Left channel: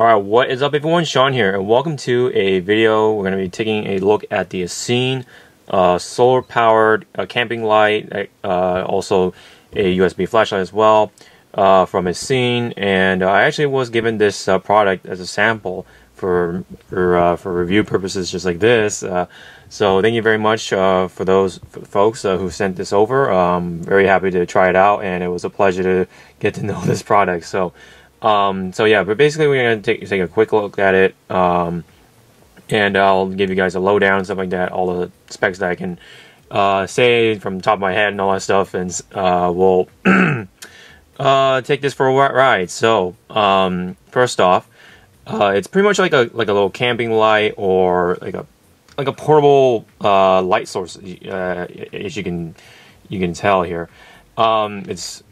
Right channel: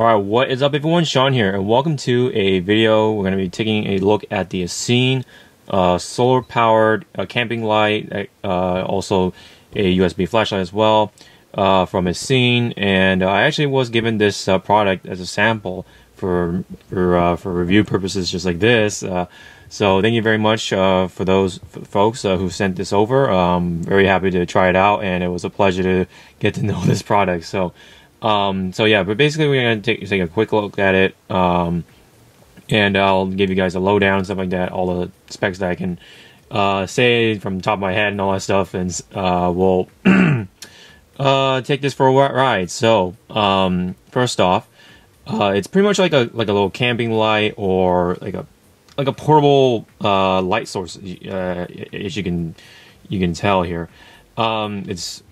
Alright, what is up everyone? Sean here, and welcome to a video. We're going to be taking a look at the ECEEN solar powered camping light, also a USB flashlight as well, from ECEEN. And I actually was given this product as a sample for review purposes just like this. So thank you very much for those folks who sent this over. Very happy to try it out, and it was a pleasure to get to know this product. So yeah, but basically we're going to take a quick look at it, and I'll give you guys a lowdown and stuff like that, all the specs that I can say from the top of my head and all that stuff, and we'll take this for a ride. So first off, it's pretty much like a little camping light, or like a portable light source, as you can tell here. It's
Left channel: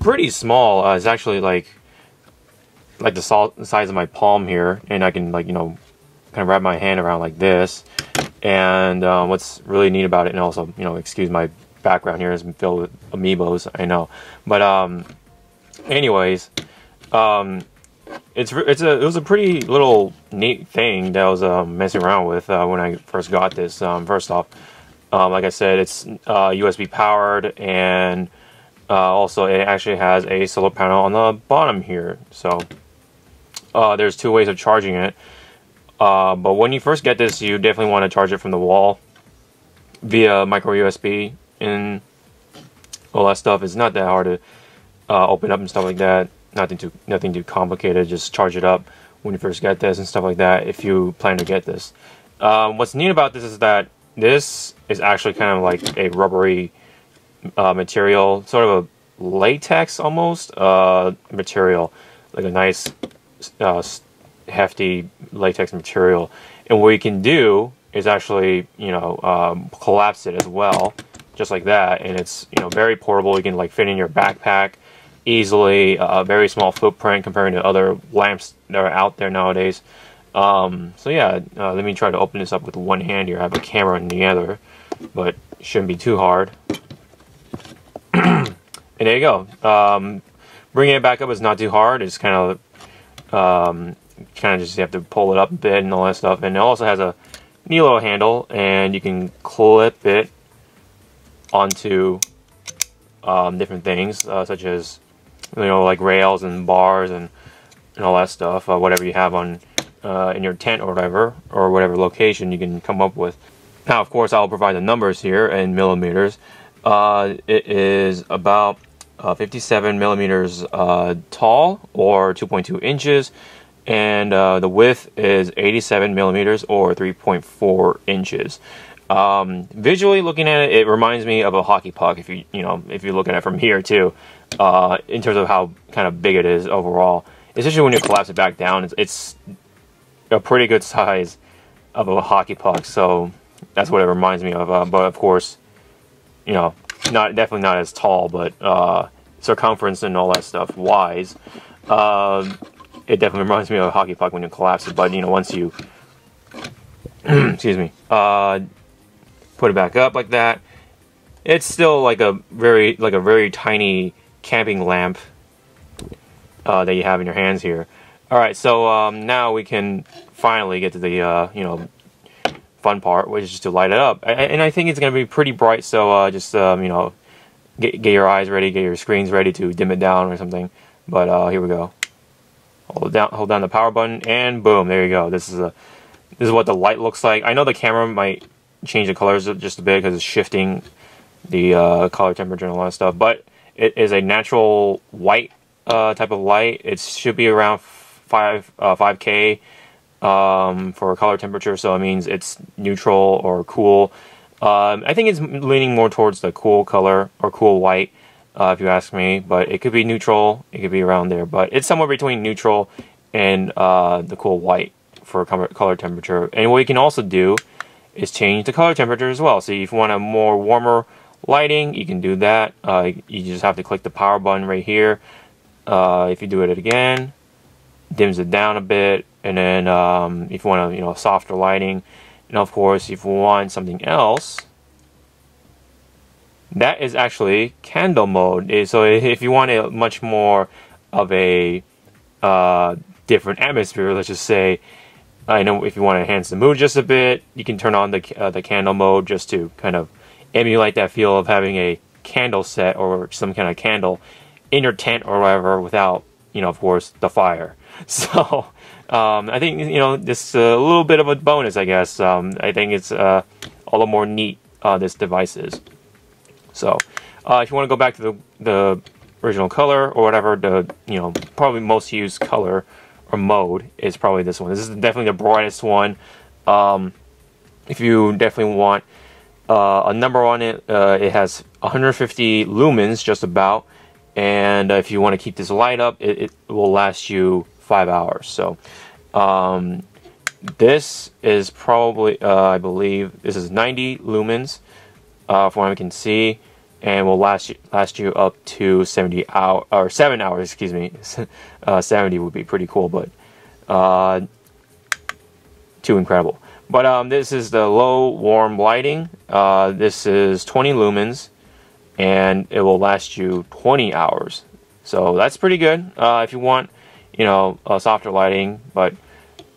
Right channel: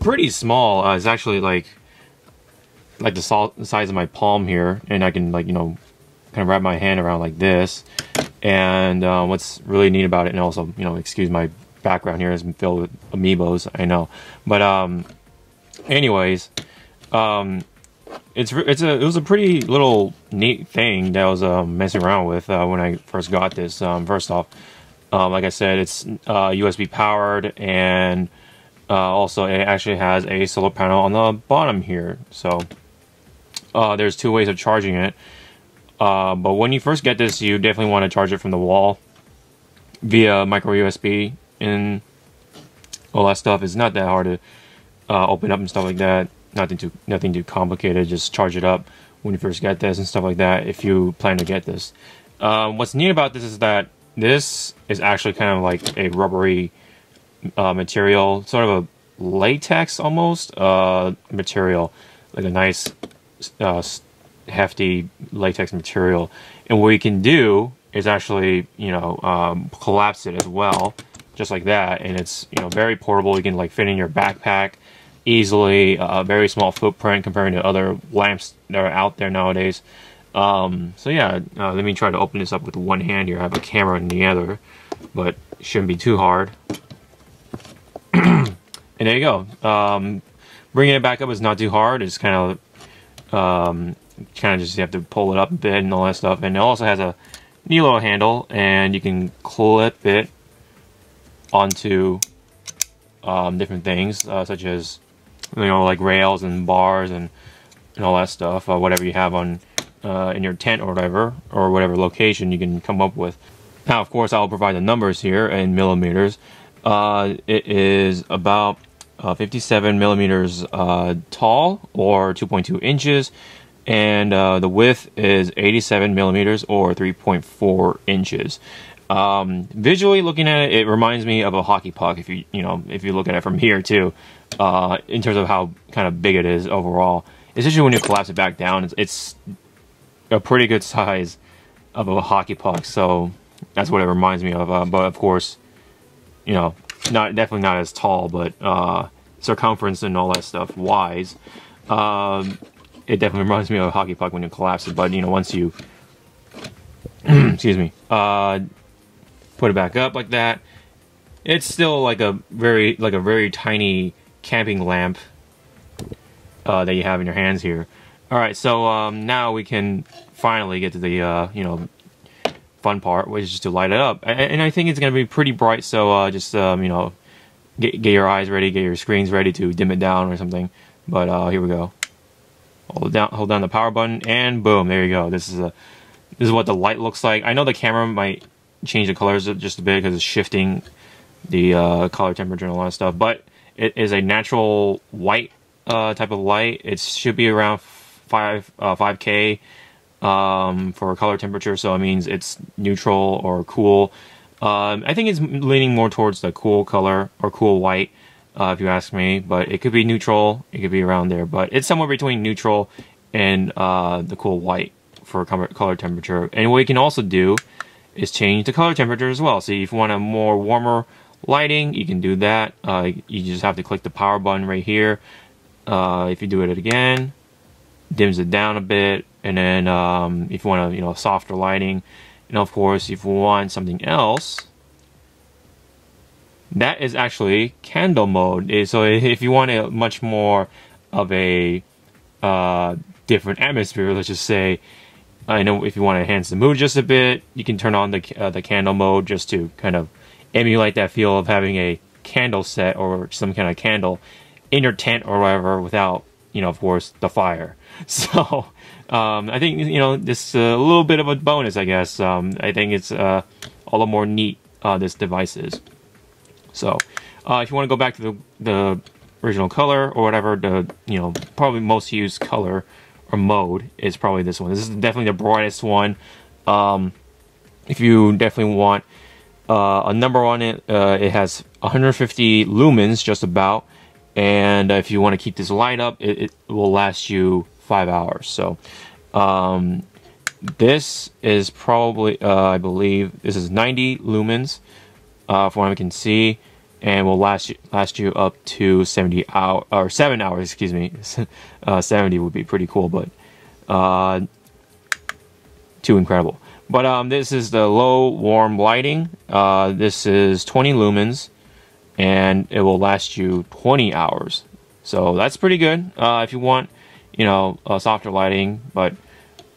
pretty small. It's actually like the size of my palm here, and I can kind of wrap my hand around like this. And what's really neat about it, and also excuse my background here, is filled with amiibos, I know, but anyways, it was a pretty little neat thing that I was messing around with when I first got this. First off, like I said, it's USB powered, and also it actually has a solar panel on the bottom here. So there's two ways of charging it, but when you first get this, you definitely want to charge it from the wall via micro USB, and all that stuff. It's not that hard to open up and stuff like that. Nothing too complicated. Just charge it up when you first get this and stuff like that, if you plan to get this. What's neat about this is that this is actually kind of like a rubbery material, sort of a latex almost material, like a nice hefty latex material. And what you can do is actually collapse it as well, just like that, and it's very portable. You can fit in your backpack easily. Very small footprint comparing to other lamps that are out there nowadays. So yeah, let me try to open this up with one hand here. I have a camera in the other, but it shouldn't be too hard. And there you go. Bringing it back up is not too hard. It's kind of just you have to pull it up a bit and all that stuff. And it also has a neat little handle, and you can clip it onto different things, such as like rails and bars and all that stuff, whatever you have on in your tent or whatever location you can come up with. Now, of course, I'll provide the numbers here in millimeters. It is about 57 millimeters tall, or 2.2 inches, and the width is 87 millimeters, or 3.4 inches. Visually looking at it, it reminds me of a hockey puck, if you look at it from here too, in terms of how kind of big it is overall. Especially when you collapse it back down, it's a pretty good size of a hockey puck. So that's what it reminds me of. But of course, definitely not as tall, but circumference and all that stuff wise, it definitely reminds me of a hockey puck when you collapse it. But once you excuse me, put it back up like that, it's still like a very tiny camping lamp that you have in your hands here. All right, so now we can finally get to the fun part, which is to light it up. And I think it's gonna be pretty bright, so just get your eyes ready, get your screens ready to dim it down or something. But here we go. Hold down the power button, and boom, there you go. This is what the light looks like. I know the camera might change the colors just a bit because it's shifting the color temperature and all that stuff, but it is a natural white type of light. It should be around 5K for color temperature, so it means it's neutral or cool. I think it's leaning more towards the cool color, or cool white, if you ask me, but it could be neutral, it could be around there, but it's somewhere between neutral and the cool white for color temperature. And what you can also do is change the color temperature as well. So if you want a more warmer lighting, you can do that. You just have to click the power button right here. If you do it again, dims it down a bit. And then if you want softer lighting, and of course if you want something else, that is actually candle mode. So if you want a much more of a different atmosphere. Let's just say, I know if you want to enhance the mood just a bit, you can turn on the candle mode just to kind of emulate that feel of having a candle set or some kind of candle in your tent or whatever without, you know, of course, the fire. So I think, you know, this is a little bit of a bonus, I guess. I think it's a little more neat, this device is. So if you want to go back to the original color or whatever, the, you know, probably most used color or mode is probably this one. This is definitely the brightest one. If you definitely want a number on it, it has 150 lumens just about, and if you want to keep this light up, it will last you 5 hours. So this is probably I believe this is 90 lumens from what I can see, and will last you up to 70 hours or 7 hours, excuse me. 70 would be pretty cool, but too incredible. But this is the low warm lighting. This is 20 lumens, and it will last you 20 hours. So that's pretty good. If you want, you know, softer lighting, but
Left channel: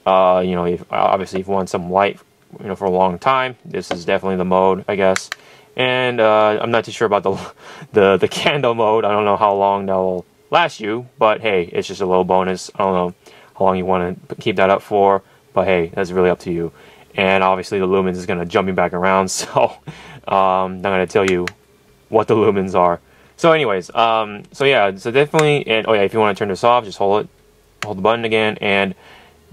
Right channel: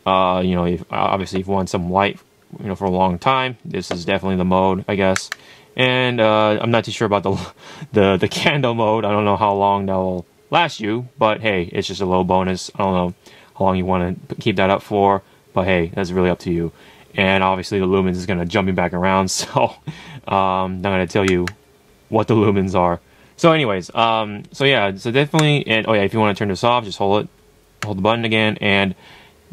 you know, obviously if you want some light, you know, for a long time, this is definitely the mode, I guess. And I'm not too sure about the candle mode. I don't know how long that will last you, but hey, it's just a little bonus. I don't know how long you want to keep that up for, but hey, that's really up to you. And obviously the lumens is going to jump me back around, so I'm not going to tell you what the lumens are. So anyways, so yeah, so definitely, and oh yeah, if you want to turn this off, just hold the button again, and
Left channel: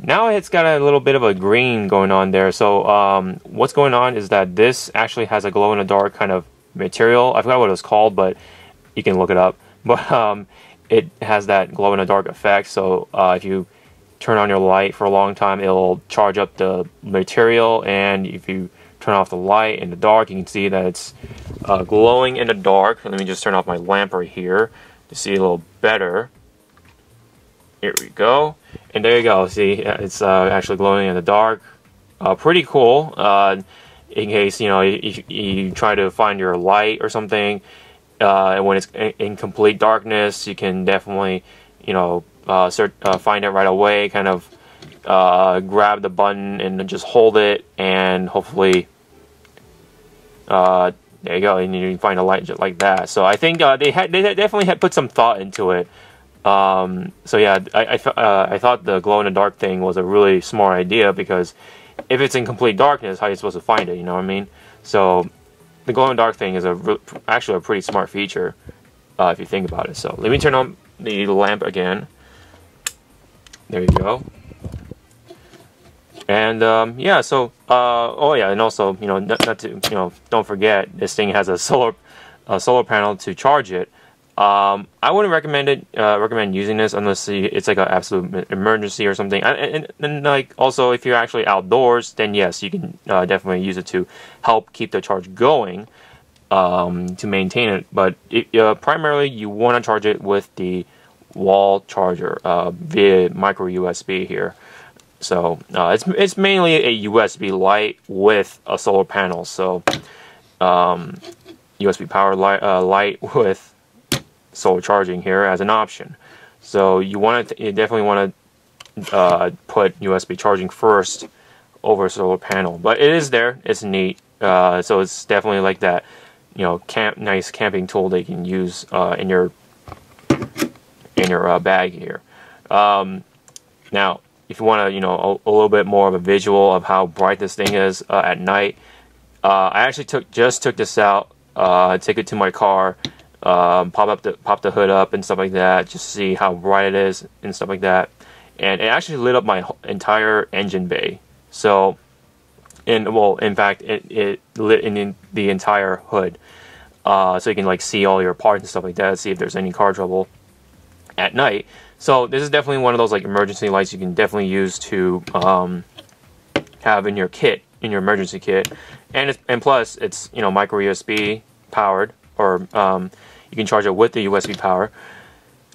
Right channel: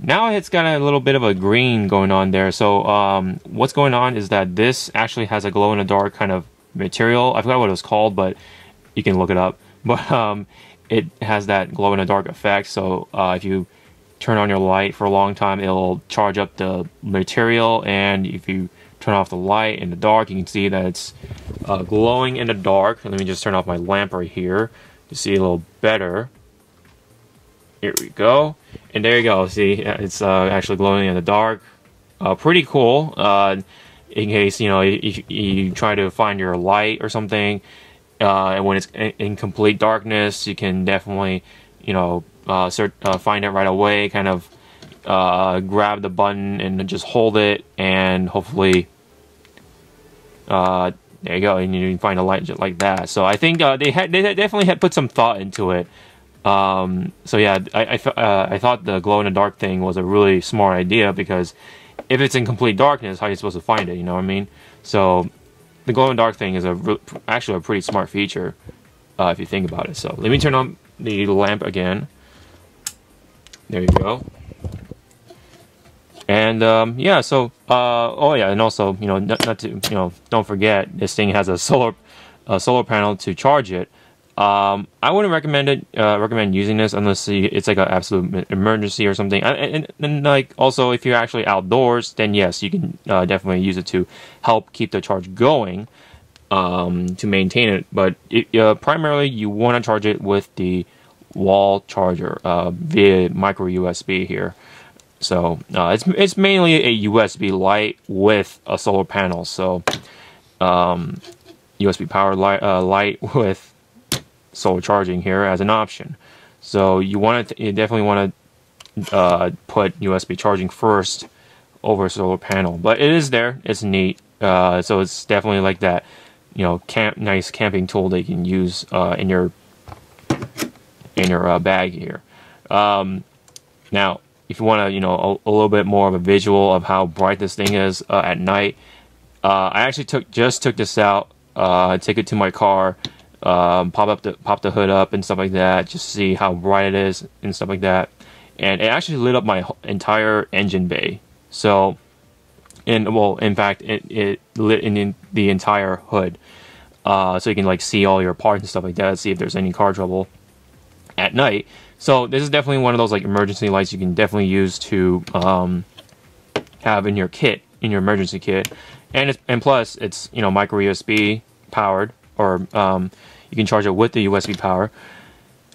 now it's got a little bit of a green going on there. So what's going on is that this actually has a glow-in-the-dark kind of material. I forgot what it was called, but you can look it up. But it has that glow-in-the-dark effect, so if you turn on your light for a long time, it'll charge up the material, and if you turn off the light in the dark, you can see that it's glowing in the dark. Let me just turn off my lamp right here to see a little better. Here we go, and there you go. See, it's actually glowing in the dark. Pretty cool. In case, you know, you try to find your light or something, and when it's in complete darkness, you can definitely, you know, find it right away, kind of grab the button and just hold it, and hopefully there you go, and you can find a light just like that. So I think they definitely had put some thought into it. So yeah, I thought the glow-in-the-dark thing was a really smart idea, because if it's in complete darkness, how are you supposed to find it, you know what I mean? So the glow-in-the-dark thing is actually a pretty smart feature, if you think about it. So let me turn on the lamp again. There you go. And yeah, so oh yeah, and also, you know, not to, you know, don't forget, this thing has a solar panel to charge it. I wouldn't recommend using this unless it's like an absolute emergency or something. And like, also, if you're actually outdoors, then yes, you can definitely use it to help keep the charge going, to maintain it. But primarily, you want to charge it with the wall charger via micro USB here. So it's mainly a USB light with a solar panel. So USB powered light with solar charging here as an option. So you definitely want to put USB charging first over solar panel. But it is there. It's neat. So it's definitely like that, you know, nice camping tool that you can use in your bag here. Now, if you want to, you know, a little bit more of a visual of how bright this thing is at night, I actually just took this out, take it to my car, pop the hood up and stuff like that, just to see how bright it is and stuff like that. And it actually lit up my entire engine bay. So, in fact, it lit in the entire hood, so you can like see all your parts and stuff like that, see if there's any car trouble at night. So this is definitely one of those like emergency lights you can definitely use to have in your kit, in your emergency kit, and plus it's, you know, micro USB powered, or you can charge it with the USB power.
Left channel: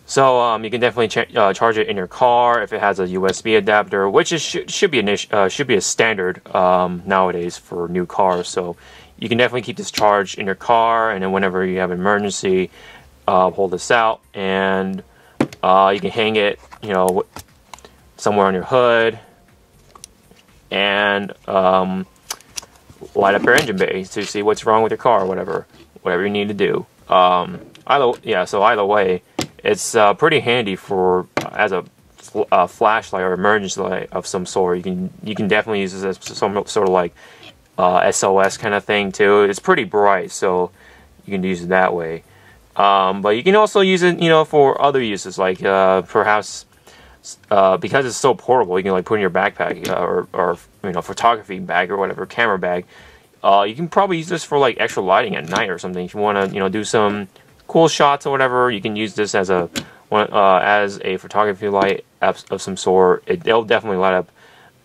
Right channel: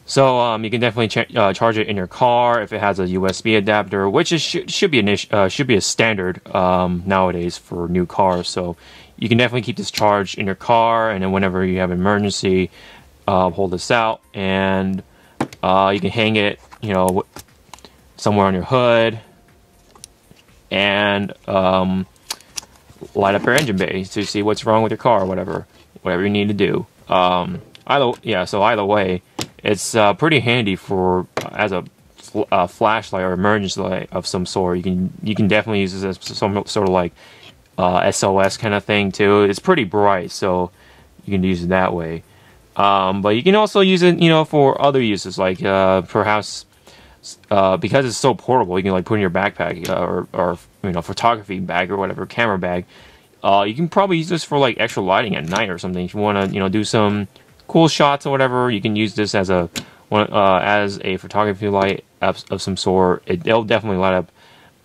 So you can definitely charge it in your car if it has a USB adapter, which should be a standard nowadays for new cars. So you can definitely keep this charged in your car, and then whenever you have an emergency, hold this out, and you can hang it, you know, somewhere on your hood, and light up your engine bay to see what's wrong with your car, or whatever you need to do. Either way, it's pretty handy for as a flashlight or emergency light of some sort. You can definitely use this as some sort of like SOS kind of thing too. It's pretty bright, so you can use it that way. But you can also use it, for other uses, like perhaps because it's so portable, you can like put in your backpack or photography bag or whatever, camera bag. You can probably use this for like extra lighting at night or something. If you want to, do some cool shots or whatever, you can use this as a photography light of some sort. It'll definitely light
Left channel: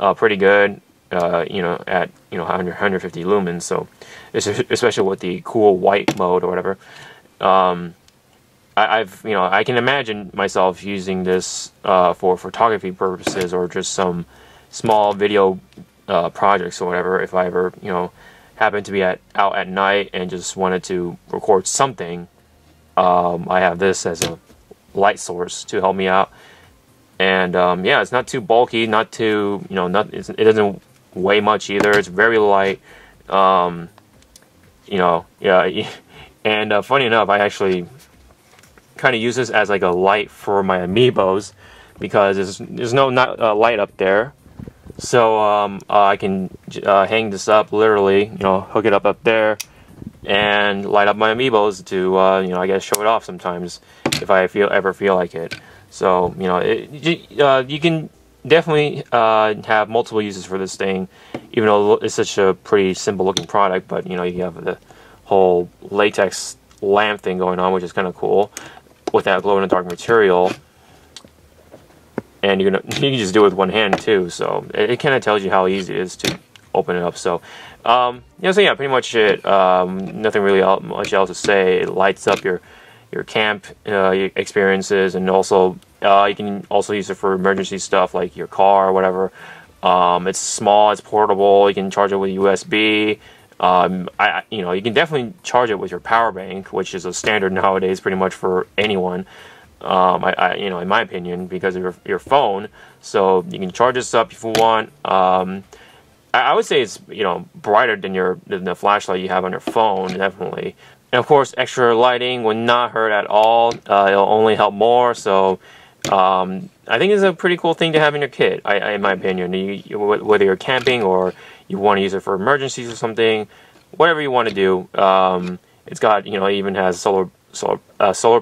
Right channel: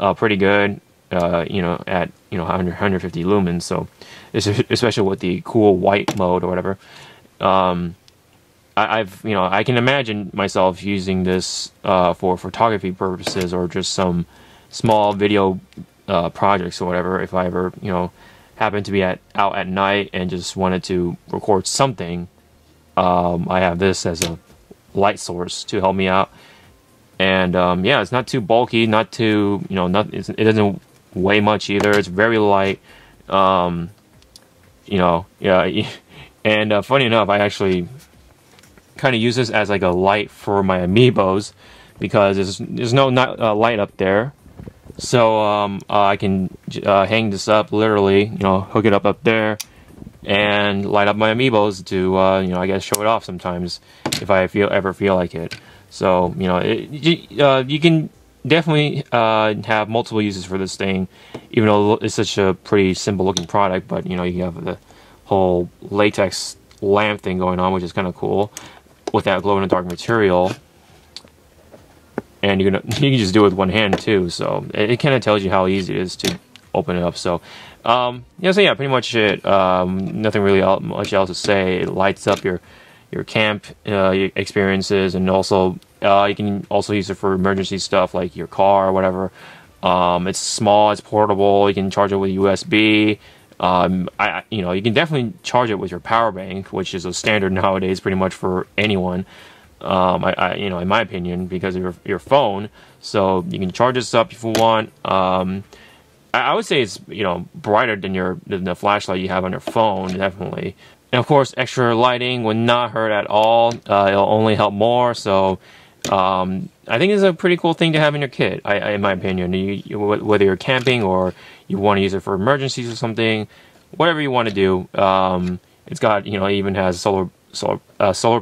up pretty good, at 150 lumens. So, especially with the cool white mode or whatever. I can imagine myself using this for photography purposes or just some small video projects or whatever. If I ever, happen to be out at night and just wanted to record something, I have this as a light source to help me out. And yeah, it's not too bulky, not too, it doesn't weigh much either. It's very light. Yeah. And funny enough, I actually kind of use this as like a light for my amiibos because there's no light up there. So I can hang this up, literally, hook it up there and light up my amiibos to, I guess show it off sometimes if I ever feel like it. So, you can definitely have multiple uses for this thing, even though it's such a pretty simple looking product. But, you have the whole latex lamp thing going on, which is kind of cool with that glow-in-the-dark material. And you can just do it with one hand too, so it kind of tells you how easy it is to open it up. So, so yeah, pretty much it. Nothing really much else to say. It lights up your camp experiences, and also you can also use it for emergency stuff like your car or whatever. It's small, it's portable. You can charge it with USB. You can definitely charge it with your power bank, which is a standard nowadays, pretty much for anyone. In my opinion, because of your phone, so you can charge this up if you want. I would say it's brighter than the flashlight you have on your phone, definitely. And of course, extra lighting would not hurt at all. It'll only help more. So I think it's a pretty cool thing to have in your kit. In my opinion, whether you're camping or you want to use it for emergencies or something, whatever you want to do. It's got it even has solar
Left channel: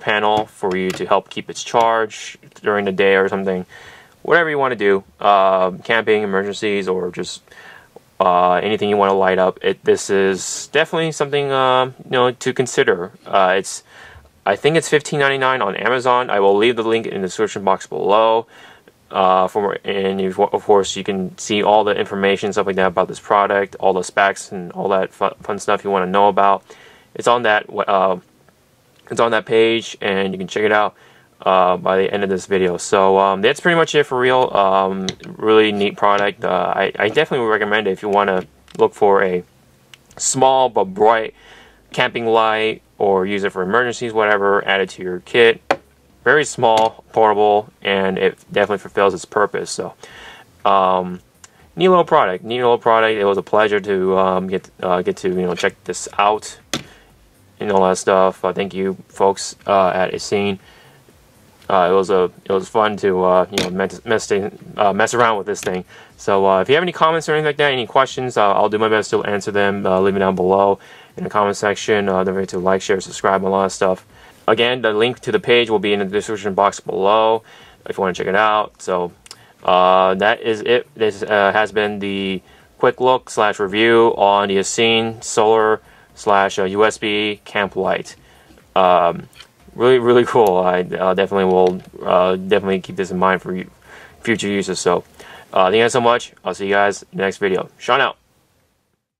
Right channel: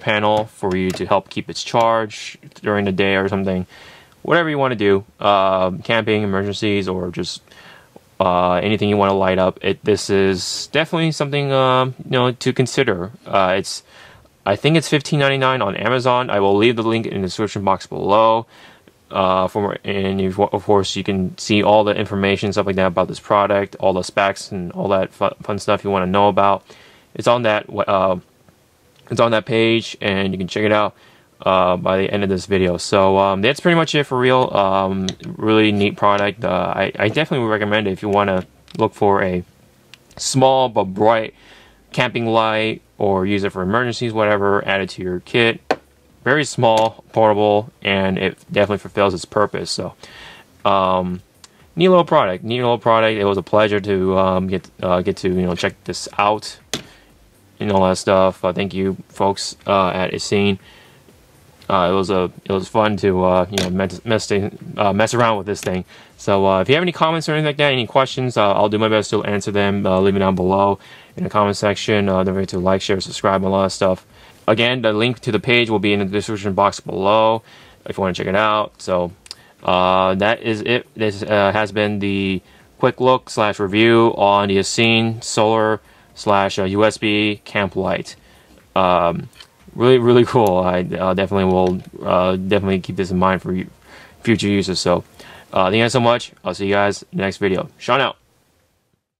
panel for you to help keep its charge during the day or something. Whatever you want to do, camping, emergencies, or just anything you want to light up. This is definitely something to consider. I think it's $15.99 on Amazon. I will leave the link in the description box below. Of course, you can see all the information, stuff like that about this product, all the specs, and all that fun stuff you want to know about. It's on that. It's on that page, and you can check it out by the end of this video. So that's pretty much it for real. Really neat product. I definitely would recommend it if you want to look for a small but bright camping light, or use it for emergencies, whatever. Add it to your kit. Very small, portable, and it definitely fulfills its purpose. So neat little product. It was a pleasure to get to check this out and all that stuff. Thank you, folks at ECEEN. It was fun to mess around with this thing. So if you have any comments or anything like that, any questions, I'll do my best to answer them. Leave me down below in the comment section. Don't forget to like, share, subscribe, and all that stuff. Again, the link to the page will be in the description box below if you want to check it out. So that is it. This has been the quick look / review on the ECEEN solar / USB camp light. Really cool. I definitely will definitely keep this in mind for future uses. So thank you guys so much. I'll see you guys in the next video. Sean out.